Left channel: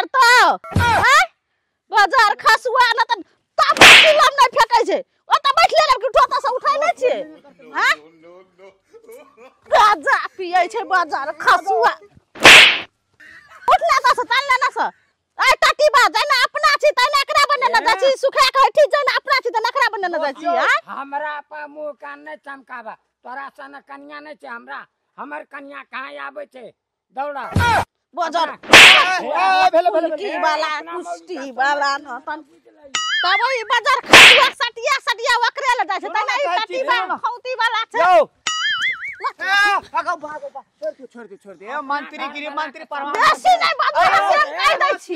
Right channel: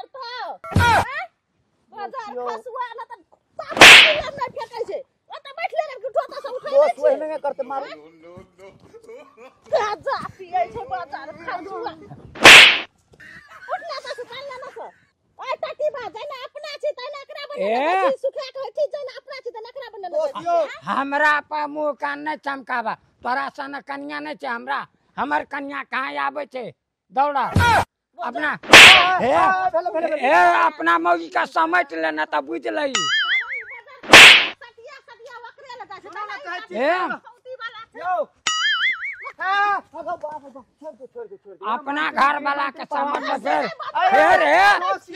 करतो बाजार खसुआ न त तापम नहीं फेकै छै ओ त बैठले लड़की ठोता से उठाइ नै छै गाजा पियै छै बाजार खसुआ उठला त से तान लेना से आई टाटी बाज ना अपना छी त नकरा बने न जाची सुखा के हठी जन अपना छी त नकरा बने न जाची हमरा पर मुंह कान नै चमकाबा तोरा सन कन्या नै छै हमरा हमर कन्या कहां आबै छै दौड़ा बाजार अपना मौगी का समझ लेना त बुझ लई तब ई बाजार खसुआ सटिया वकरे ल जाय छै त नहीं टाटी खौती वाला छै छोड़ दे अपना घर वाला के समझ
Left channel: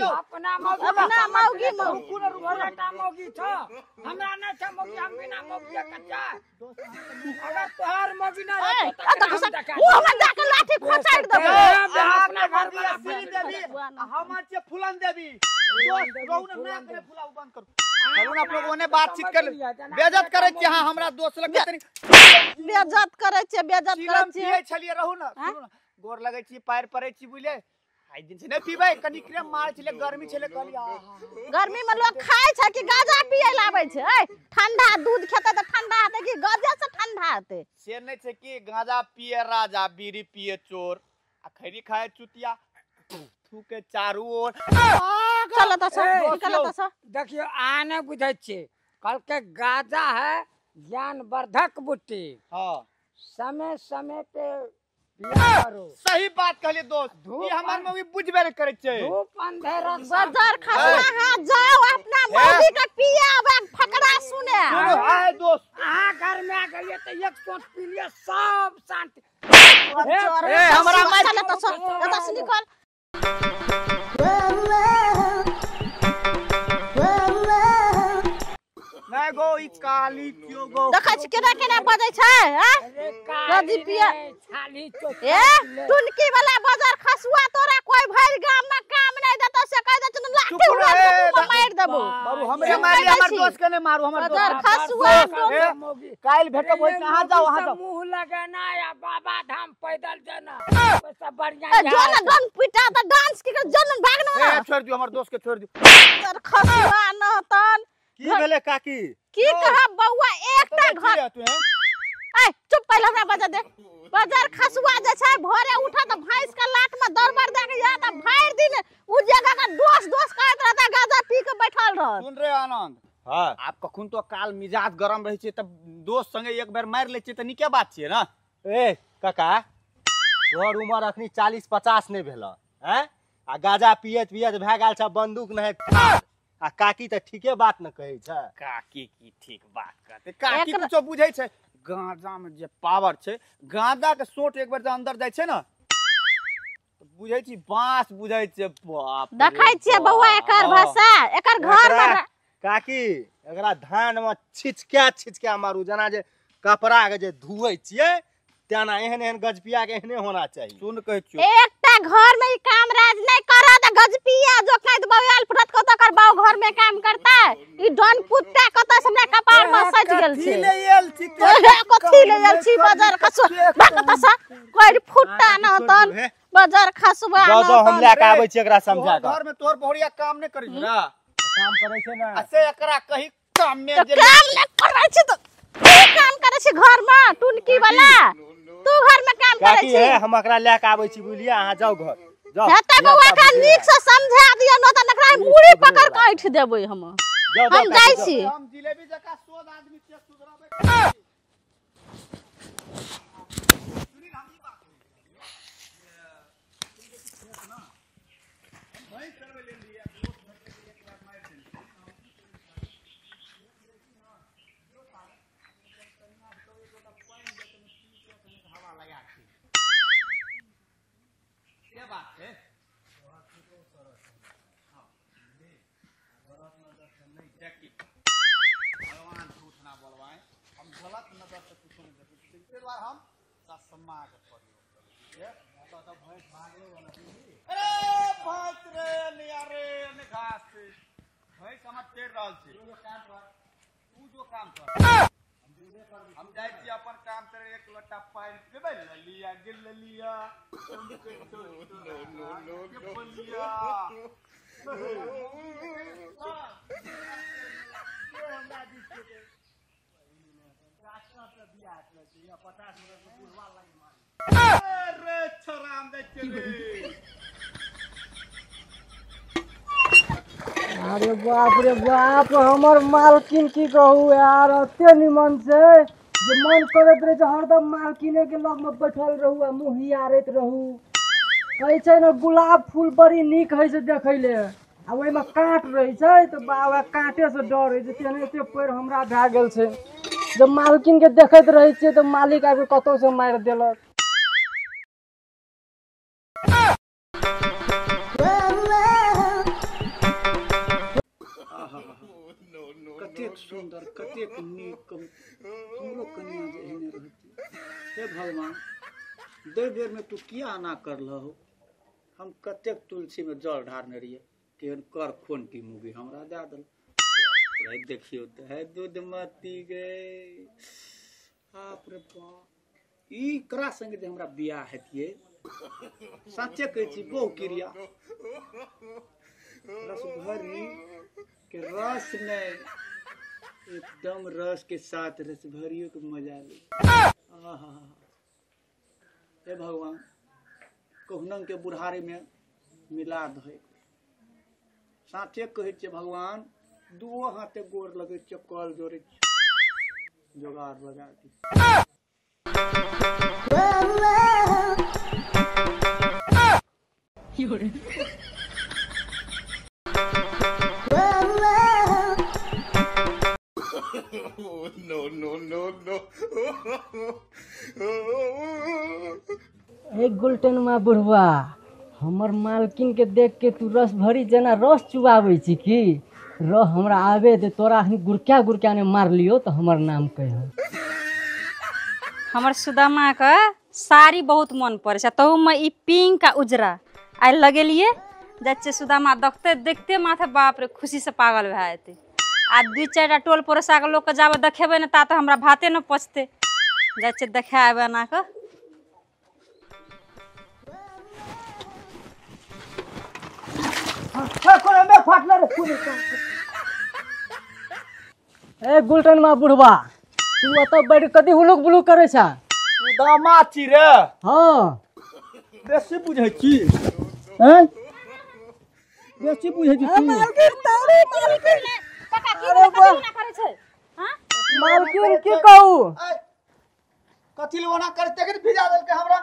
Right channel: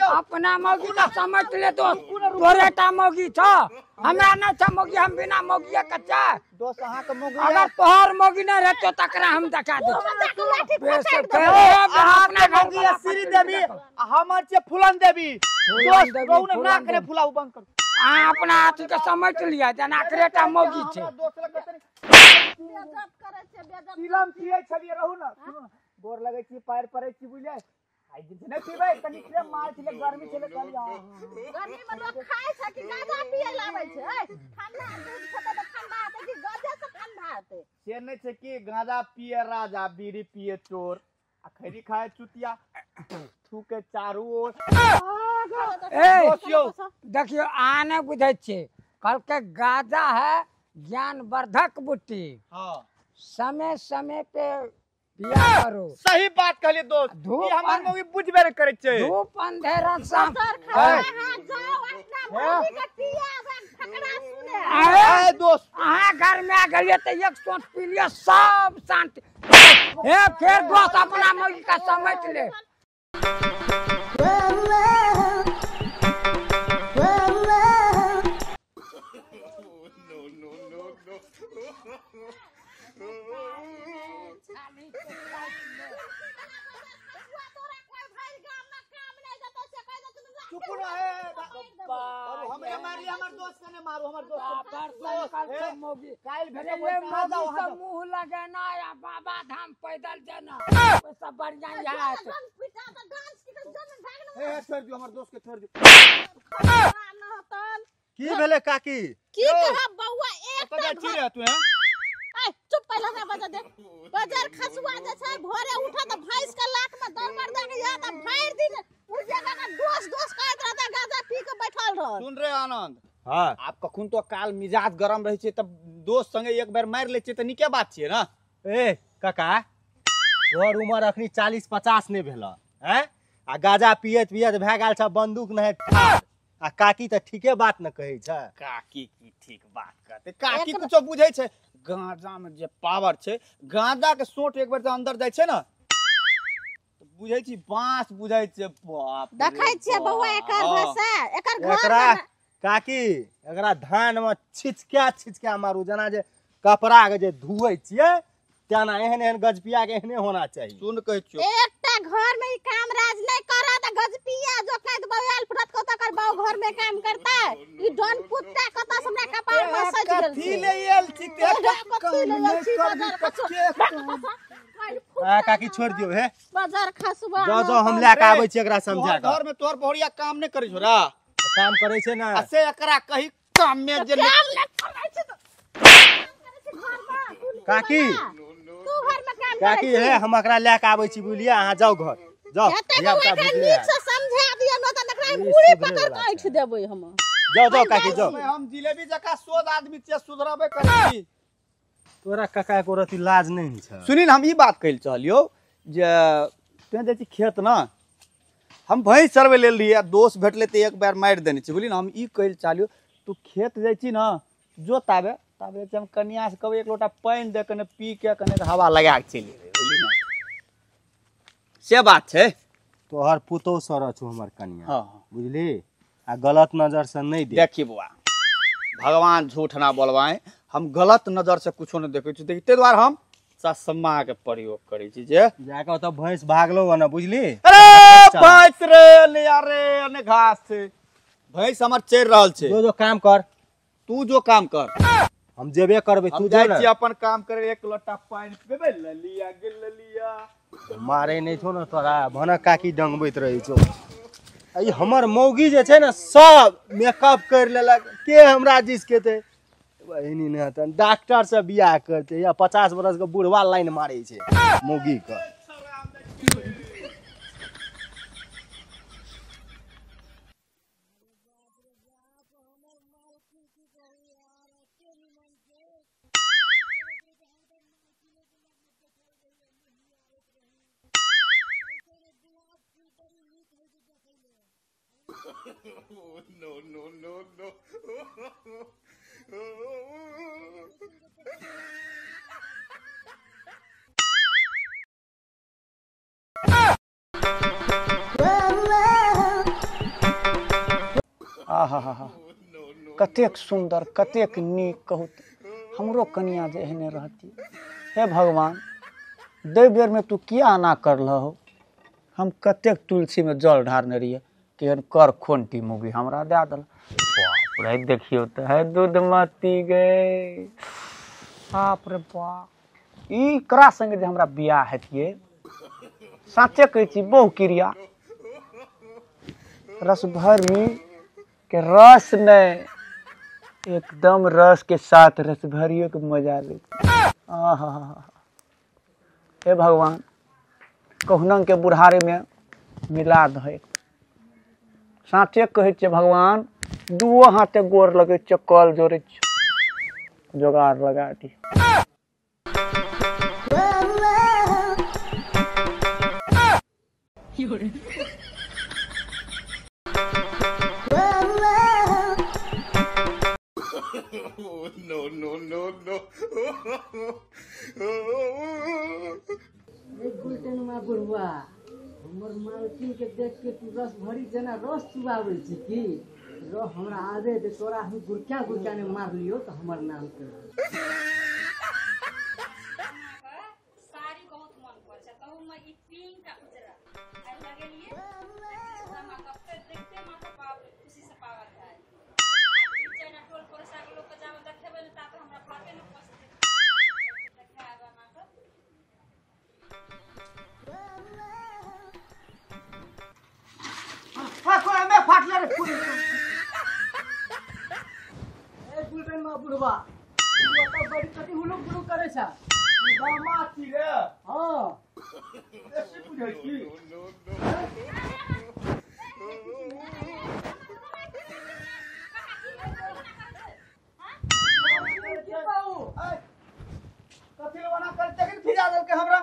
अपना मौगी का समझ ले तो तोरेटा मौगी छ हमरा न छ मौगी हम बिना मौगी कच्चा दोस्त अहां के मौगी अगर तोहर मौगी न रह तो तकरा हम देखा वो हम जाके लाठी फसाड़ दे अपना मौगी सिरी देबी हमर छे फुलन देबी दोस्त कौन ना करे फुलाऊ बंद कर अपना के समझ लिया जना बेइज्जत करे छै हमरा दोस्त लग तनी बेइज्जत करे छै बेइज्जत करे छै छलिए रहू ना गोर लगै छी पैर पड़ै छी बुझले आइ दिन से नै पीबै कनी क्रीम मारै छले गर्मी छले कहली गर्मी में लोग खाय छै कि गाजा पिए लाबै छै ठंडा दूध खेते त ठंडा हेते कि गाजा से ठंडा हेते से नै छै कि गाजा पिए राजा बीड़ी पिए चोर आ खैरी खाए चुतिया थू के चारू ओर चलो त देखियो आने बुझै छी कल के गाजा है ज्ञान वर्धक बुट्टी हां समय समय पे पिया करो सही बात कहली दोस्त ई हमर मौगी बुझबे नै करे छै धूप अंधेरा बाजार खसुआ हां जाओ अपना मौगी के पियाबे फकड़ा सुने ए दोस्त अहाँ घर में आ गलिए त एक शॉट पी लिया सब शांति हमरा मार के समझ ले नै गो ई काली क्यों गो देखै छी केना केना बजै छै हैं गदी पिया ए टुनकी वाला बाजार खसुआ तोरा कोई भर गाम में काम नै देतो से कह दे तू लाठी उड़ा मार देबो बाबू हमरे मारी हमर दोस्त के नै मारू हमर दोस्त बाजार खसुआ काल भेटब होय कहां जाओ वहां जाओ मुंह लगना या बाबा धाम पैदल जाना सब बढ़िया जोन डन पिटा त डांस के जन भागना ए छोड़ दियो हमर दोस्त के छोड़ दियो बाजार खसुआ न तन की भेले काकी की कहा बौआ एकटा घर तू है ए चुप पहले हमरा बजा दे बाजार खसुआ जे छै भोरे उठा त भैंस के लात में दरबार दे के या त फाड़ दिन उ जगह का दोस्त कहत रहता गाजा पी के बैठल रह सुन रे आनंद हां आप कखुन तो काल मिजाज गरम रहै छै त दोस्त संगे एक बार मार ले छै त निके बात छियै ना ए काका तोहर उम्र अखनी 40-50 नै भेल हैं आ गाजा पियत भए गेल छ बंदूक नै आ काकी त ठीके बात न कहै छ काकी की ठीक बात कहते काकी कुछो बुझै छै गांजा में जे पावर छै गांजा के सोट एक बार जे अंदर जाय छै ना बुझै छी बांस बुझै छै बाप देखै छियै बौआ एकर भाषा एकर घर में काकी एकरा धान में छिचका मारू जना जे कपड़ा के जे धुयै छियै तेना एहन गजपिया के एहने होना चाहिए सुन कहै छियो एकटा घर में ई काम राज नै करा त गजपिया जो कहत बौआल फुटत को त कर बाऊ घर में काम करता ई डन पुत्ता कत से हमरा कपार में सज गेल छै कथि ले आयल छी कथि ले आयल छी बाजार खसुआ कत से कोई फुटता न तन बाजार खसुआ जो हम ले के आबै छी एकरा समझा के घर में तोर बहुरिया काम नै करै छौ ना काम करै छै ना से एकरा कहि काम में जे काम नै करै छै त काम करे छी घर में टुनकी वाला तू घर में काम करे छी काकी है हम एकरा ले के आबै छी बुलिए अहाँ जाओ घर जाओ हेते बौआ का नीक से समझा दियो न त नकरा मुड़ी पकड़ के ऐठ देबै हम जाओ काकी जाओ हम जिलेबी जका सोद आदमी छे सुधराबे करै तोरा काका को रति लाज नै छै सुनिन हम ई बात कहल चलियो जे तै जे छी खेत ना हम भैंस चरवे लेल रहिए दोस्त भेटले त एक बार मार देने छी बुझली ना हम ई कहल चलियो तू खेत जाय छी ना जोताबे ताबे हम कन्या से कहबै एक लोटा पानी दे कने पी के कने हवा लगा के चली बुझली ना से बात छै तोहर पुतो सर छु हमर कन्या हां बुझली आ गलत नजर से नहीं दे देखी बुआ भगवान झूठ ना बोलवाए हम गलत नजर से कुछो न देखै छी ते द्वारा हम चश्मा के प्रयोग करै छी जे जाके त भैंस भागलो न बुझली अरे भैंस रे ले रे ने घास छै भैंस हमर चढ़ रहल छै जो काम कर तू जो काम कर हम जेबे करबे तू जाय जो छी अपन काम करे एक लोटा पानी देबे ललिया के ललिया मारे नहीं छो न तोरा भन काकी डंगबैत रही छो ई हमर मौगी जे छै ने सब मेकअप कर लेलक के हमरा जिस के ते बहिनी ने त डॉक्टर से बियाह करते या 50 बरस के बुढ़वा लाइन मारे छै मौगी के। अरे बाप रे बाप हमर मालकिन की कहू यार एते निमन छै जे मन करैत रहे छै हरदम मालकिने के लग में बैठल रहू आ मुंह हियारैत रहू। कहै छै ने गुलाब फूल बड़ी नीक होइ छै देखै ले आ ओहिमे काँट रहै छै तऽ बाबा काँटे से डर होइ छै तेनाहिते पैर हमरा भए गेल छै जब मालकिन के देखैत रहै छियै तऽ मालिक आबि कतौ से मारि देलक। आहा कतेक सुंदर कतेक नीक कहू हमरो कनिया जे एहने रहती। हे भगवान दे बेर में तू किया आना करल हो। हम कतेक तुलसी में जल ढारने रहिए केहन कर खोंटी मुगी हमरा दे दल। बाप रे देखियो तो है दूध मती गए। बाप रे बाप ई करा संगे जे हमरा बियाह हेतिए साचे कहै छी बहु क्रिया रस भरी के रस ने एकदम रस के साथ रस भरियो के मजा ले। आहा हे भगवान कहुनंग के बुढ़ारे में मिला दे। साँचे कहै छै भगवान दुओ हाथे गोर लगे छै कल जोड़े जोगाड़ लगा दी। गुलटेन मा बुढ़वा हमर मालकिन के देख के तू रस भरी जना रस चुबाबै छी की रह हमरा आवे दे तोरा गुरक्या गुरक्या ने मार लियो तो हमर नाम कह। हमर सुदामा का साड़ी बहुत मन पड़े छै तहू में ई पिंक आ उजरा आइ लगेलिए जाय सुदामा देखते देखते माथे बाप रे खुशी से पागल भए जेतै। आ 2-4 टोल पड़ोसा के लोग के जाबे देखेबे ने ता तो हमरा भाते न पचते जाय देखे आबे ना के। ए गुलटेन मा बुढ़वा तू ओत बैठ कथी हुलुक बुलुक करे छ। दामाद छी रे। हां बेसी बुझै छी हैं बेसी बुझै छी मालकिन की कहू कथी ले ओना करते के भिजा देल के हमरा।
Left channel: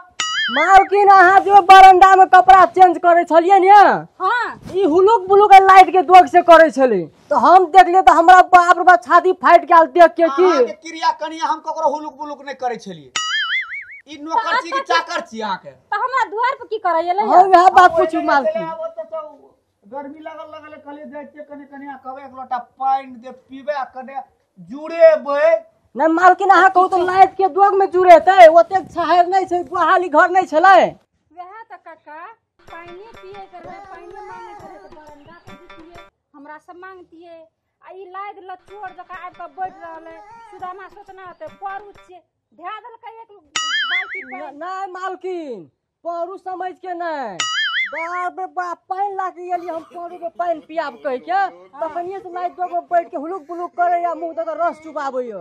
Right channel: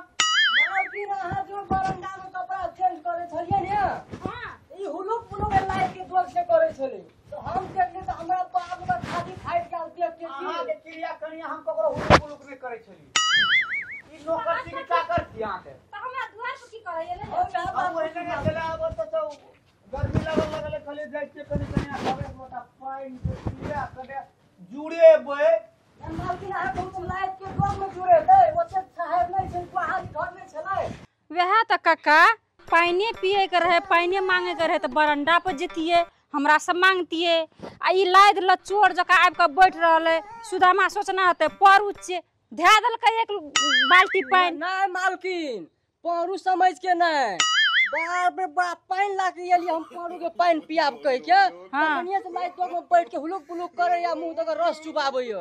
मालकिन अहाँ जो बरंडा में कपड़ा चेंज करे छलिए ने हां ई हुलुक बुलुक लाइट के दोग से करे छले तो हम देखलिए तो हमरा बाप रे बाप छाती फाइट गेल देख के की अहाँ के क्रिया कनिया हम ककरो हुलुक बुलुक नहीं करे छलिए। ई नौकर छी कि चाकर छी अहाँ के तो हमरा द्वार पे की करे एले हम यह बात पूछू मालकिन गर्मी लगल खाली देख के कने कनिया खावे लोटा पानी दे पीबे कने जुड़ेबे नहीं मालकिन अहाँ कहू तो लाइट के दोग में जुड़ेते ओते छहार नहीं छै गुहाली घर नहीं छले वह तो काका पानी पिए के रहे पानी मांगे के रहे तो बरंडा पर जतिए हमरा से मांगतिए आ ई लाद लचोर जका आब के बैठ रहले सुदामा सोचना होते पर उच्चे धै देलकै एक बाल्टी पानी। नहीं मालकिन पौरू समझ के नहीं बाप रे बाप पानी ला के एली हम पौरू के पानी पियाब कह के कनिया से लाइट दोग में बैठ के हुलुक बुलुक करे या मुंह तक रस चुबाबै यो।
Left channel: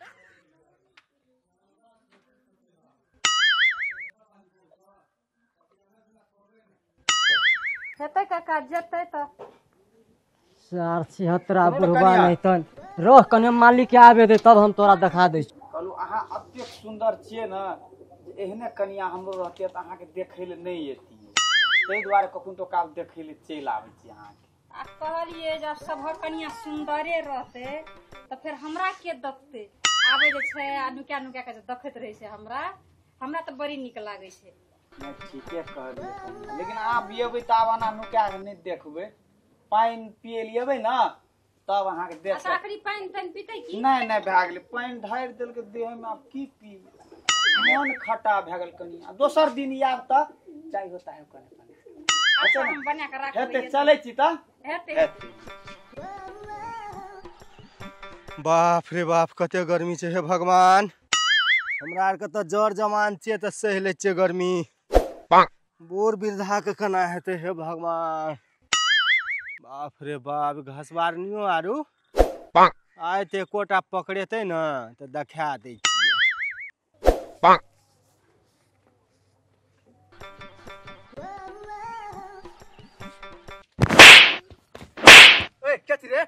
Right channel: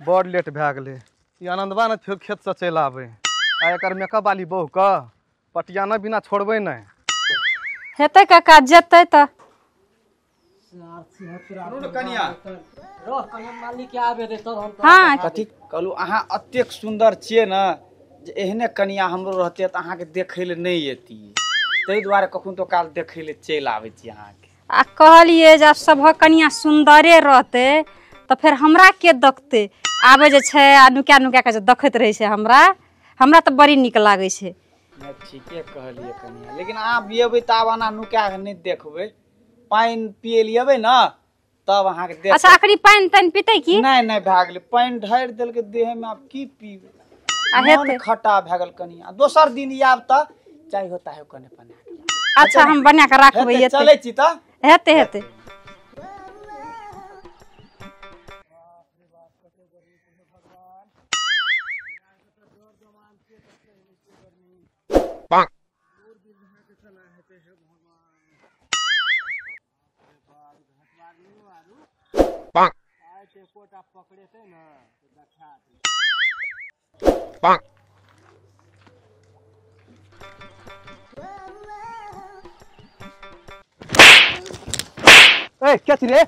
बड़ लेट भए गेलै ई आनंदवा ने फेर खेत से चलि आबै आ एकर मेकअप वाली बहू के पटियाना बिना छोड़बै नहीं। हेतै काका जेतै त 76 बुढ़वा नहीं तन रह कने मालिक के आवे दे तब हम तोरा हाँ, बता दे। कहलू अहाँ अतेक सुंदर छियै ना जे एहने कनिया हमरो रहते त अहाँ के देखै ले नहीं एती तै दुआरे कखन तो काल देखै ले चलि आबै छी अहाँ के। आ कहलिए जब सब कनिया सुंदरे रहते तो फिर हमरा के देखते आबे जे छै आ नुका नुका के जे देखैत रहे छै हमरा तो बड़ी निक लागे छै। ठीके कहलिए कनिया लेकिन अहाँ बियबै त आब अना नुका के नहीं देखबै पानी पिए लियबै ना तब अहाँ के देख। अच्छा आखरी पानी तन पीते की नहीं नहीं भए गेलै पानी ढारि देल के देह में आप की पीबै मन खट्टा भए गेल कनिया दोसर दिन आब त चाय होता है कने पानी। अच्छा हम बना के रखबै चलै छी त हेते हेते। बाप रे बाप कते गर्मी छै हे भगवान हमरा आर के त जर जमान छियै त सहि लै छियै गर्मी बूढ़ वृद्धा के केना हेतै हे भगवान। बाप रे बाप, घसबारनियो आरू आइ ते एकोटा पकड़ेतै न तऽ देखा दै छियै। ए क्या रे